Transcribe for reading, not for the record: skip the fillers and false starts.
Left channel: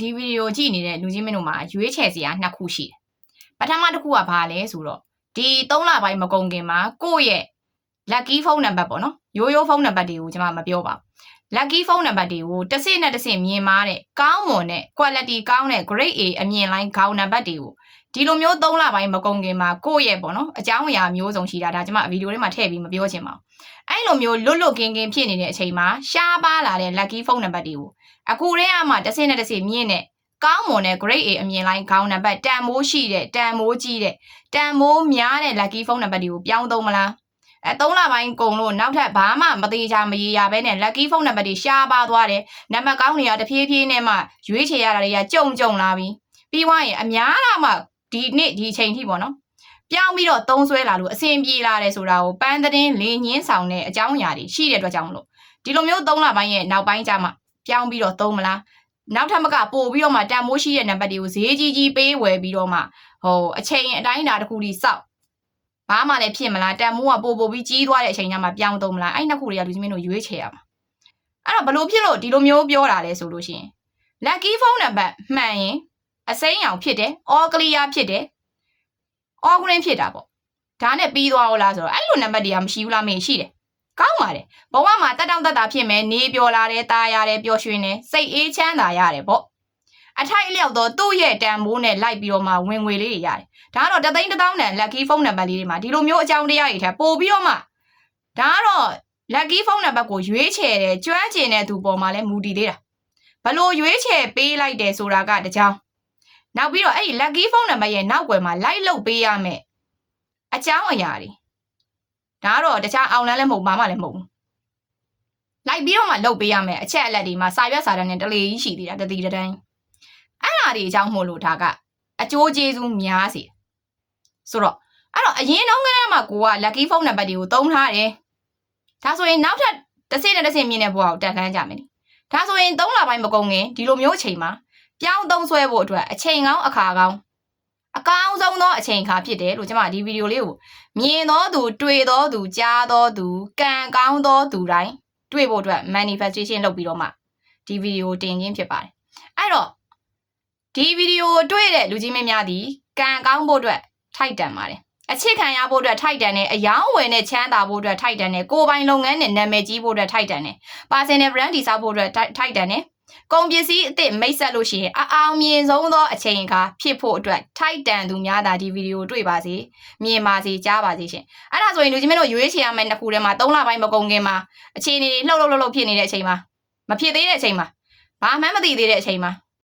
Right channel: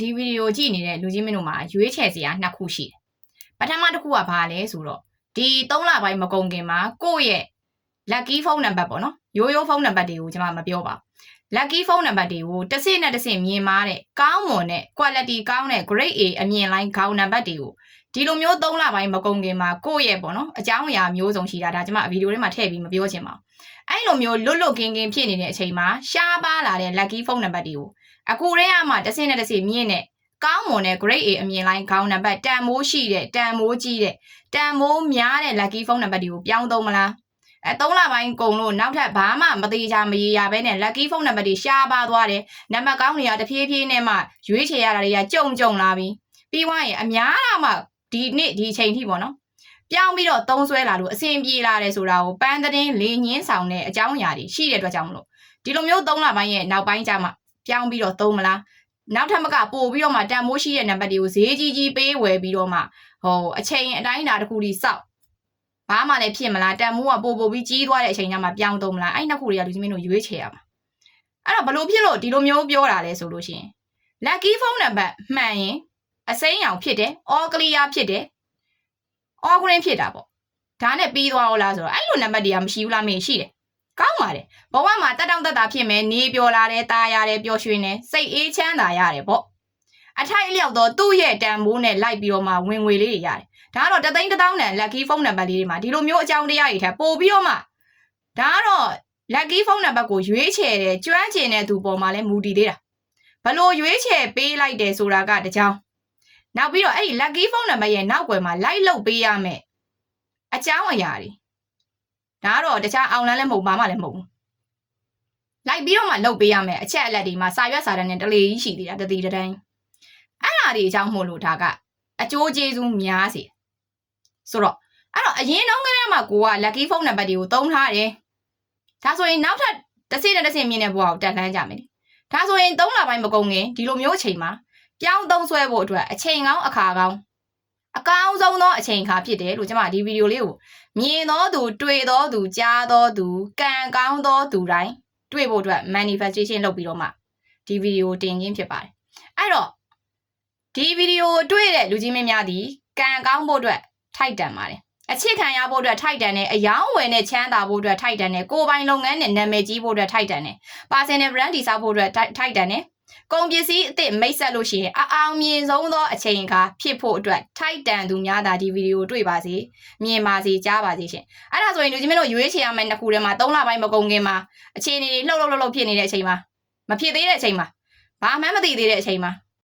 ဒီဗီဒီယိုကြည့်နေတဲ့လူချင်းမင်းတို့မှာရွေးချယ်စရာနှစ်ခုရှိတယ်ပထမတစ်ခုကဘာလဲဆိုတော့ဒီ3လပိုင်းမကုန်ခင်မှာကိုယ့်ရဲ့ lucky phone number ပေါ့နော်ရိုးရိုးဖုန်းနံပါတ်တွေကိုကျွန်မမပြောပါဘူး lucky phone number တွေကိုတစ်စနဲ့တစ်စမြင်မာတဲ့ကောင်းမွန်တဲ့ quality ကောင်းတဲ့ grade A အမြင်လိုင်းခေါင်းနံပါတ်တွေကိုဒီလိုမျိုး3လပိုင်းမကုန်ခင်မှာကိုယ့်ရဲ့ပေါ့နော်အကြောင်းအရာမျိုးစုံရှိတာဒါကျွန်မဗီဒီယိုထဲမှာထည့်ပြီးမပြောချင်ပါဘူးအဲ့လိုမျိုးလွတ်လွတ်ကင်းကင်းဖြစ်နေတဲ့အချိန်မှာရှားပါလာတဲ့ lucky phone number တွေကိုအခုတည်းကမှတစ်စနဲ့တစ်စမြင်တဲ့ကောင်းမွန်တဲ့ grade A အမြင်လိုင်းခေါင်းနံပါတ်တန်မိုးရှိတဲ့တန်မိုးကြီးတဲ့တန်မိုးများတဲ့ lucky phone number တွေကိုပြောင်းသုံးမလား3လပိုင်းကုန်လို့နောက်ထပ်ဘာမှမသေးချာမရေရပဲနဲ့ lucky phone number တွေရှားပါသွားတယ်နံပါတ်ကောင်းတွေကတဖြည်းဖြည်းနဲ့မှရွေးချယ်ရတာတွေကကြုံလာပြီပြီးသွားရင်အများအားမှဒီနေ့ဒီအချိန်ထိပေါ့နော်ပြောင်းပြီးတော့သုံးဆွဲလာလို့အဆင်ပြေလာတယ်ဆိုတာကိုပန်းသတင်းလေညင်းဆောင်တဲ့အကြောင်းအရာတွေရှိတဲ့အတွက်ကြောင့်မလို့ဒီလိုမျိုး3လပိုင်းရဲ့နောက်ပိုင်းကျမှပြောင်းပြီးတော့သုံးမလားနောက်ထပ်မကပို့ပြီးတော့မှတန်မိုးရှိတဲ့နံပါတ်တွေကိုဈေးကြီးပေးဝယ်ပြီးတော့မှအချိန်အတိုင်းအတာတစ်ခုထိစောက်ဘာမှလည်းဖြစ်မလားတန်မိုးကပို့ပြီးကြီးသွားတဲ့အချိန်ကျမှပြောင်းသုံးမလားအဲ့နှစ်ခုတွေကလူချင်းမင်းတို့ရွေးချယ်ရမှာအဲ့တော့ဘလို့ဖြစ်လို့ဒီလိုမျိုးပြောတာလဲဆိုလို့ရှိရင် lucky phone number မှန်ရင်အစိမ်းရောင်ဖြစ်တယ် all clear ဖြစ်တယ် all green ဖြစ်တာပေါ့ဒါနဲ့ပြီးသွားအောင်လားဆိုတော့အဲ့လိုနံပါတ်တွေကမရှိဘူးလားမင်းရှိတယ်ကောင်းပါတယ်ဘဝမှာတက်တောင့်တက်တာဖြစ်မယ်နေပျော်လာတယ်ตาရတယ်ပျော်ရွှင်တယ်စိတ်အေးချမ်းသာရတယ်ပေါ့အထိုက်အလျောက်တော့သူ့ရဲ့တန်မိုးနဲ့လိုက်ပြီးတော့မှဝင်ငွေလေးတွေရတယ်ဒါကတော့တသိန်း1000တန် lucky phone number လေးတွေမှာဒီလိုမျိုးအကြောင်းတရားတွေထပ်ပို့ပြီးတော့မှဒါကတော့ lucky phone number ကိုရွေးချယ်တယ်ကျွမ်းကျင်တဲ့သူပေါ်မှာလဲမူတည်သေးတာဘလို့ရွေးချယ်ပေးလိုက်တယ်ဆိုတာကတကြောင်နောက်ပြီးတော့အဲ့ဒီ lucky phone number ရဲ့နောက်ွယ်မှာလိုက်လုပ်ပေးရမယ်အကြောင်းအရာတွေဒါကတော့တခြားအောင်လန်းလည်းမဟုတ်ဘာမှလည်းမဟုတ်ဘူးလိုက်ပြီးတော့မှလုပ်ပေးရမယ်အချက်အလက်တွေမှာစာရွက်စာတမ်းနဲ့တလေကြီးရှိသေးတာတတိတတိုင်းအဲ့ဒါတွေအကြောင်းမို့လို့ဒါကအကျိုးကျေးဇူးများစီဆိုတော့အဲ့တော့အရင်တော့ကတည်းကကိုက lucky phone number တွေကိုသုံးထားတယ်ဒါဆိုရင်နောက်ထပ်တစ်စိနဲ့တစ်စိမြင်တဲ့ဘဝကိုတက်လှမ်းကြမယ်ဒါဆိုရင်3လပိုင်းမကုန်ခင်ဒီလိုမျိုးအချိန်မှာပြောင်းသုံးဆွဲဖို့အတွက်အချိန်ကောင်းအခါကောင်းအကောင်းဆုံးသောအချိန်အခါဖြစ်တယ်လို့ကျွန်မဒီဗီဒီယိုလေးကိုမြင်တော်သူတွေ့တော်သူကြားတော်သူကံကောင်းတော်သူတိုင်းတွေ့ဖို့အတွက် manifestation လုပ်ပြီးတော့မှဒီဗီဒီယိုတင်ခြင်းဖြစ်ပါတယ်အဲ့တော့ဒီဗီဒီယိုတွေ့တဲ့လူကြီးမင်းများဒီကံကောင်းဖို့အတွက်ထိုက်တန်ပါတယ်အချစ်ခံရဖို့အတွက်ထိုက်တန်တယ်အယောင်းဝယ်နဲ့ချမ်းသာဖို့အတွက်ထိုက်တန်တယ်ကိုယ်ပိုင်လုပ်ငန်းနဲ့နာမည်ကြီးဖို့အတွက်ထိုက်တန်တယ် personal brand တည်ဆောက်ဖို့အတွက်ထိုက်တန်တယ်ကုန်ပစ္စည်းအသစ်မိတ်ဆက်လို့ရှိရင်အအောင်မြင်ဆုံးသောအချိန်အခါဖြစ်ဖို့အတွက်ထိုက်တန်သူများသာဒီဗီဒီယိုတွေ့ပါစေမြင်ပါစေကြားပါစေရှင်အဲ့ဒါဆိုရင်လူကြီးမင်းတို့ရွေးချယ်ရမယ့်နှစ်ခုထဲမှာ3လပိုင်းမကုန်ခင်မှာအခြေအနေတွေလှုပ်ဖြစ်နေတဲ့အချိန်မှာမဖြစ်သေးတဲ့အချိန်မှာဘာမှမသိသေးတဲ့အချိန်မှာ